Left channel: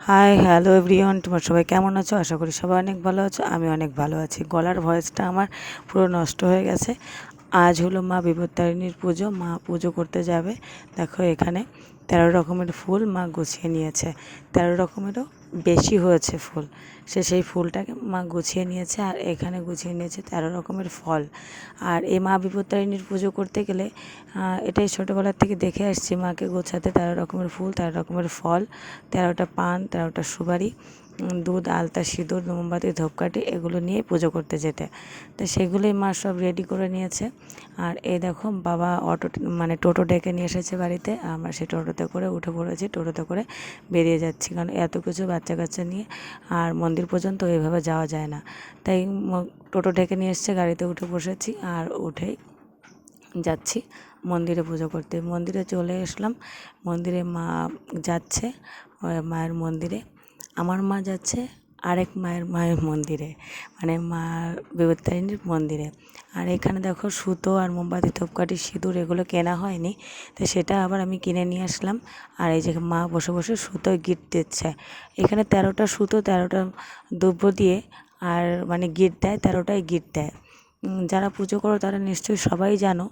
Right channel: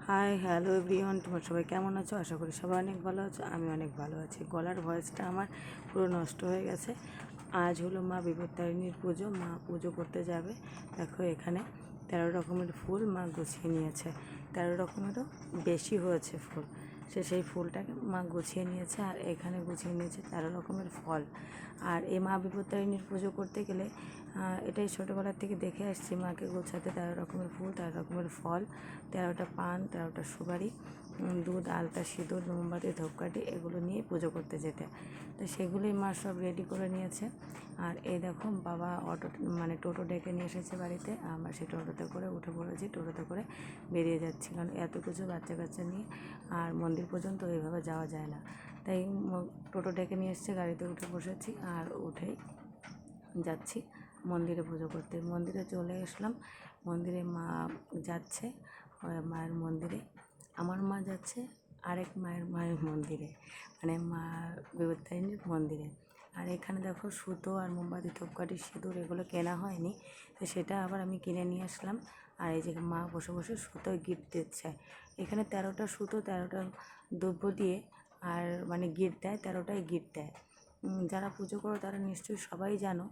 Hi hello everyone, তোমার সবাই কেমন আছো? আশা করি সবাই অনেক ভালো আছো। আমি অনেক ভালো আছি। গলার ভয়েসটা আমার পুরো নষ্ট হয়ে গেছে। আজ হলো মা বিপত্তারিণীর পুজো। মা পুজো করতে যাবে। দেখো এখানে 13 রকমের ফুল মা গুছিয়ে নিয়েছে। 13 রকমেরও বেশি হয়েছে ফুল। সেই ফুলটাকে মা গুছিয়ে নিয়েছে, আর এখানে গুছিয়ে নিয়েছে 13 রকমের ফল। আর এই মা বিপত্তারিণীর পুজো করতে গেলে এটাই ছোটোবেলার থেকে দেখে আসছি মাকে গোছাতে 13 রকমের ফুল, 13 রকমের ফল, 13টা পান, 13টা সুপারি, দুধ, আলতা, সিঁদুর, মোমবাতি, ধূপকাঠি এগুলো নিয়ে পুজো করতে যেতে। তো সেগুলোই মা সব রেডি করে নিয়েছে। আর এই দেখো বাবা টোটো ডেকে নিয়ে এসেছে বাড়িতে। আমরা সেই টোটোতে করে উঠে পড়েছি, টোটোতে করে বেরিয়ে যাচ্ছি, কারণ এত কিছু বাচ্চা কাচ্চা নিয়ে আর মন্দির পর্যন্ত এইভাবে যাওয়া যায় না। তাই টোটো ডেকে নিয়ে এসছে, গাড়িতে উঠে বসেছি আর উঠেই যাচ্ছি মন্দিরে পুজো করতে। মন্দিরে চলে আসলাম। মন্দিরে মা যাচ্ছে মায়ের মন্দিরে। আমার মা যাচ্ছে আরেক মায়ের মন্দিরে, মানে মা বিপত্তারিণীর মন্দিরে। আর এখানে দেখো সুতো আর মোমবাতি, ধূপকাঠি, সিঁদুর এগুলো কেনা হয়নি, তো সেটা আবার আমি কিনে নিয়ে আসলাম। আর এই যে মা বসে বসে সুতোয় গিট দিচ্ছে। এখানে 13টা সুতো, 13টা দ্রব্য দিয়ে আর মানে গিট দেয়, 13টাই গিট দেয়। যারা পুজো করো তারা নিশ্চয়ই সবাই জানো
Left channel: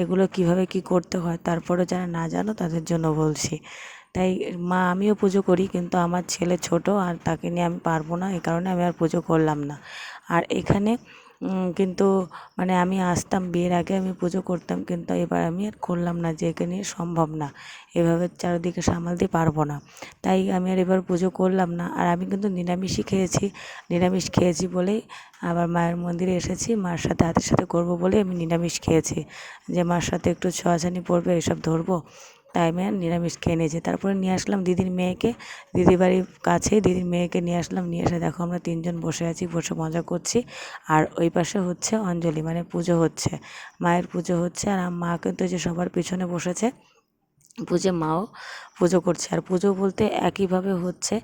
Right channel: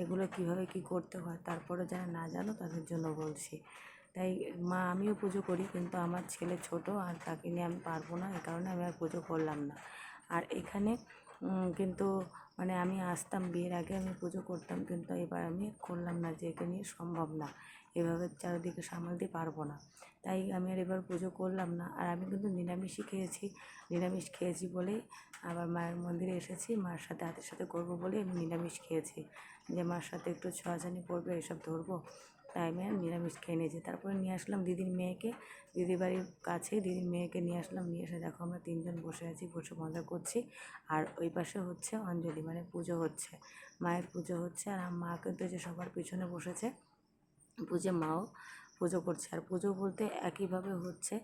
এগুলো কিভাবে কি করতে হয়। তারপরে যারা না জানো তাদের জন্য বলছি। তাই আমিও পুজো করি, কিন্তু আমার ছেলে ছোট আর তাকে নিয়ে আমি পারবো না, এই কারণে আমি আর পুজো করলাম না। আর এখানে কিন্তু মানে আমি আসতাম, বিয়ের আগে আমি পুজো করতাম, কিন্তু এবার আমি আর করলাম না, যে একে নিয়ে সম্ভব না, এভাবে চারিদিকে সামালতে পারবো না। তাই আমি আর এবার পুজো করলাম না। আর আমি কিন্তু নিরামিষই খেয়েছি। নিরামিষ খেয়েছি বলেই আবার মায়ের মন্দিরে এসেছি, মার সাথে হাতের সাথে করবো বলে আমি নিরামিষ খেয়েছি, যে মার সাথে একটু ছোঁয়াছানি পড়বে, এসব ধরবো, তাই আমি নিরামিষ খেয়ে নিয়েছি। তারপরে নিয়ে আসলাম দিদির মেয়েকে, দিদির বাড়ির কাছে দিদির মেয়েকে নিয়ে আসলাম। নিয়ে এসে দেখো আমরা তিনজন বসে আছি, বসে মজা করছি। আর ওই পাশে হচ্ছে অঞ্জলি, মানে পুজো হচ্ছে, মায়ের পুজো হচ্ছে। আর মা কিন্তু যে সবার পিছনে বসেছে মাও পুজো করছে। আর পুজো বলতে একইভাবে হচ্ছে,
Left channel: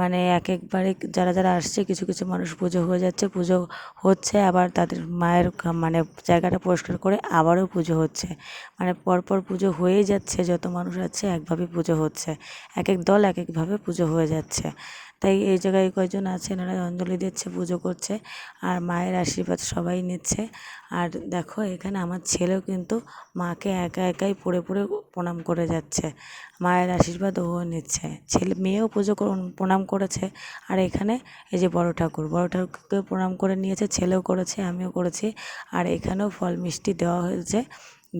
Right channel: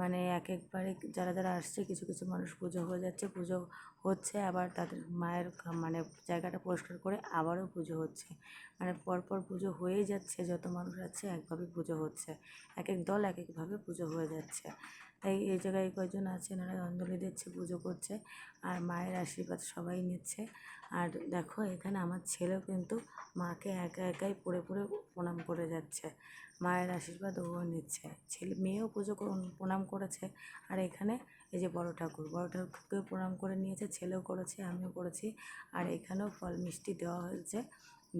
মানে একবারে যারা যারা আসছে, কিছু কিছু মানুষ পুজো হয়ে যাচ্ছে, পুজো হচ্ছে, আবার তাদের মায়ের মানে জায়গাটা পরিষ্কার করে আবারও পুজো হচ্ছে, মানে পরপর পুজো হয়েই যাচ্ছে। যত মানুষ আছে একভাবে পুজো হচ্ছে, এক এক দল এক একভাবে পুজো হয়ে যাচ্ছে। তাই এই জায়গায় কয়েকজন আছে, এনারা অঞ্জলি দিচ্ছে, পুজো করছে, আর মায়ের আশীর্বাদ সবাই নিচ্ছে। আর দেখো এখানে আমার ছেলেও কিন্তু মাকে একা একাই পড়ে পড়ে প্রণাম করে যাচ্ছে, মায়ের আশীর্বাদ ও নিচ্ছে। মেয়েও প্রণাম করেছে। আর এখানে এই যে বড় ঠাকুরকে প্রণাম করে নিয়েছে, ছেলেও করেছে, আমিও করেছি। আর এখানেও ফল মিষ্টি দেওয়া হয়েছে,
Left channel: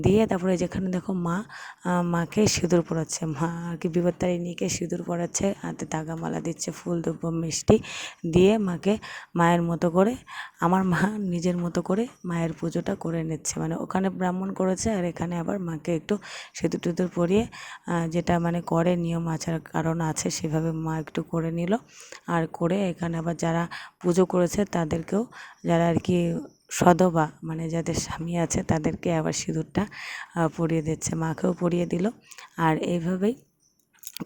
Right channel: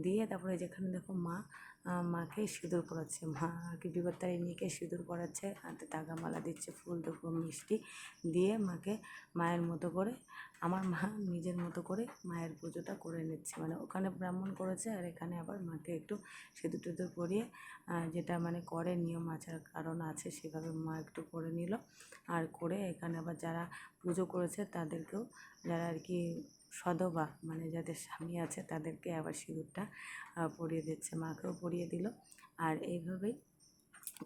দিয়ে তারপরে যেখানে দেখো মাকে সিঁদুর পরাচ্ছে, মা আর কি বিপত্তারিণীকে সিঁদুর পরাচ্ছে, হাতে মালা দিচ্ছে, ফুল দ্রব্য মিষ্টি দিয়ে মাকে মায়ের মতো করে, আমার মা নিজের মতো করে মায়ের পুজোটা করে নিচ্ছে। মানে ওখানে ব্রাহ্মণ করেছে, আর এখানে আবার মাকে একটু সিঁদুর টিঁদুর পরিয়ে, যেটা মানে করে নিয়ম আচার কারণ আছে, সেভাবে মা একটু করে নিল। আর করে এখানে আবার যারা পুজো করেছে তাদেরকেও, যারা আর কি সধবা, মানে যাদের স্বামী আছে, তাদেরকে আবার সিঁদুরটা পরিয়ে দিচ্ছে, মাকেও পরিয়ে দিল। আর এইভাবেই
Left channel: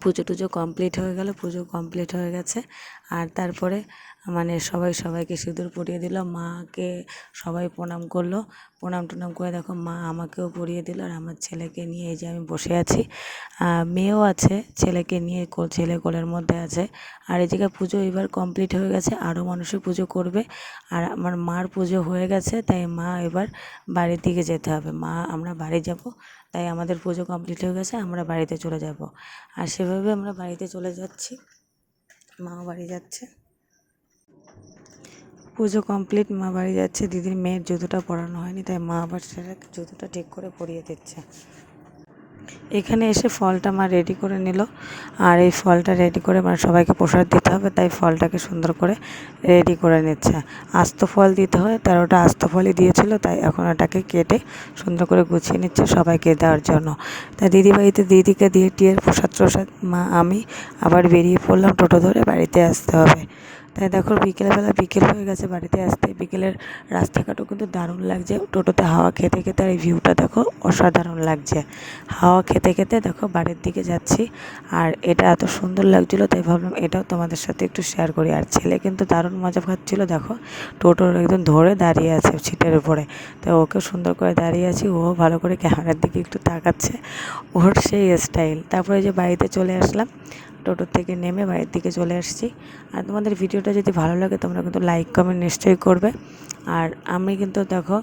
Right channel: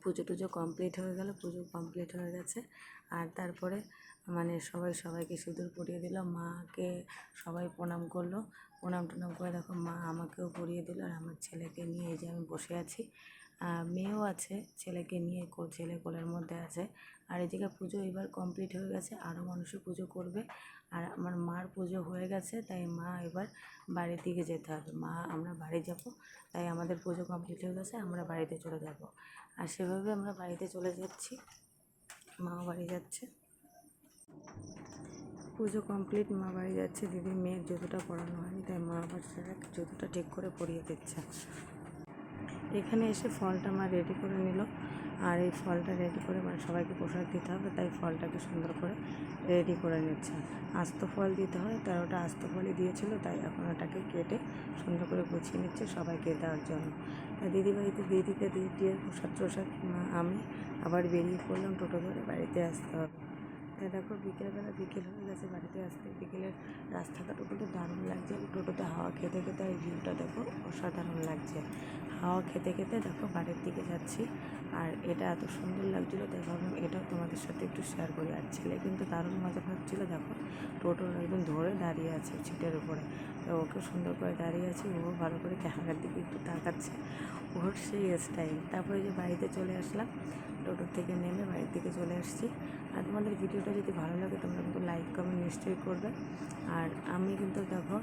পুজো টুজো কমপ্লিট হয়ে গেল, পুজো কমপ্লিট হয়ে গেছে। আর তারপরে মানে সবাই সবাইকে সিঁদুর পরিয়ে দিল, মাকে সবাই প্রণাম করলো, প্রণাম টনাম করে দেখো মা আমাকেও পরিয়ে দিল। আর আমার ছেলেকে নিয়ে এই যে আমি বসে আছি, মেয়েও আছে, ছেলেকে নিয়ে ছেলে কোলের মধ্যে আছে। আর এই জায়গায় পুজো এবার কমপ্লিট হয়ে গেছে, আরও মানুষই পুজো করবে। আর আমার মার পুজো হয়ে গেছে, তাই মা এবার বাড়ির দিকে যেতে হবে, আমরা বাড়ি যাব, তাই আমাদের পুজো কমপ্লিট হয়ে গেছে, আমরা বাড়িতে চলে যাব। আর সেভাবে আমরা বাড়িতে চলে যাচ্ছি, মাও বাড়ি যাচ্ছে। পুজো কমপ্লিট, মা বাড়ি যাচ্ছে। দিদির মেয়ের জুতোটা পরানো হয়নি, তাই মা আবার সেটা জুতোটা ঠিক করে পরিয়ে দিচ্ছে। এখানে এসে ফলটা মা রেডি করে নিল। আর এই ফলটা রেডি করে মানে সবাইকে প্রসাদ দিতে হবে, তাই ফলটাকে সুন্দর করে রেডি করে নিচ্ছে। আস্ত ফল দিতে হয়, 13টা আস্ত ফলই দিয়েছিল, তাই এখন ওটাকে কেটে সুন্দর করে গুছিয়ে নিচ্ছে সবাইকে দেওয়ার জন্য। তাই বাড়িতে দিদিকে দিয়ে টিয়ে প্রসাদ আমি আবার বেরিয়ে পড়লাম, টোটো ধরে বাড়িতে আসতে হবে। তাই দেখো বিকেল হয়ে গেছে, বাড়িতে আসতে বিকেলের রাস্তাঘাটও কিন্তু দারুণ লাগছে। টোটোতে হাওয়া খেতে খেতে, আর এই ভিউটা দেখো অসাধারণ লাগছে। হাওয়া খেতে খেতে দেখো বাড়ির দিকে যাচ্ছি, আর এটা এত সুন্দর লাগছিলো, তাই ভাবলাম এটাও তোমাদের সাথে একটু শেয়ার করি। আর ছেলে কিন্তু দারুণ মজা পাচ্ছিলো, দেখো টোটোর একদম ধরে দাঁড়িয়ে আছে সিটের উপরে, তাই ওকে সুন্দর করে দাঁড়িয়ে আছি, ও ভালো করে ক্যামেরার দিকে একটু তাকাচ্ছে, ওর সেই স্টাইল। তারপরে যে বাড়িতে চলে আসলাম, টোটো থেকে নেমে বাড়ির দিকে চলে আসছি। আর তোমাদের ভিডিওটা যদি ভালো লাগে তোমরা কিন্তু লাইক কমেন্ট নিশ্চয়ই করবে। আর আমি কিন্তু দেখো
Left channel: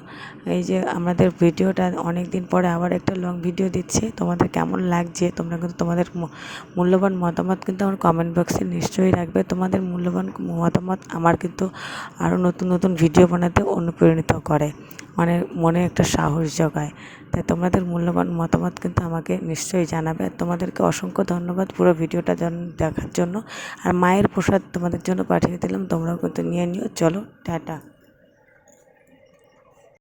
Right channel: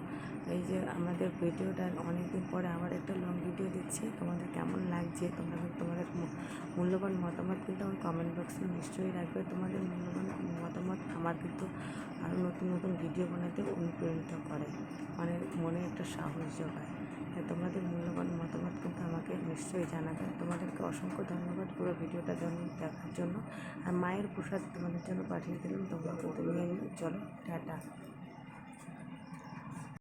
এই যে আমাদের ভিডিওটা অনেক দিন পরে আবার একটা লং ভিডিও দিচ্ছি, তোমাদের কেমন লাগছে তোমরা কিন্তু তোমাদের মূল্যবান মতামত কিন্তু আমার কমেন্ট বক্সে নিশ্চয়ই রাখবে। তোমাদের মূল্যবান মতামত আমার কিন্তু আরও নতুন নতুন ভিডিও বানাতে অনুপ্রাণিত করে, মানে মনে একটা সাহস জোগায়। তাই তোমাদের মূল্যবান মতামত কিন্তু আমাকে নিশ্চয়ই জানাবে। তোমাদেরকে অসংখ্য ধন্যবাদ পুরো ভিডিওটা দেখার জন্য। আর মায়ের প্রসাদ তোমাদের জন্য পাঠিয়ে দিলাম, তোমরাও কিন্তু নিয়ে নিও। চলো টাটা।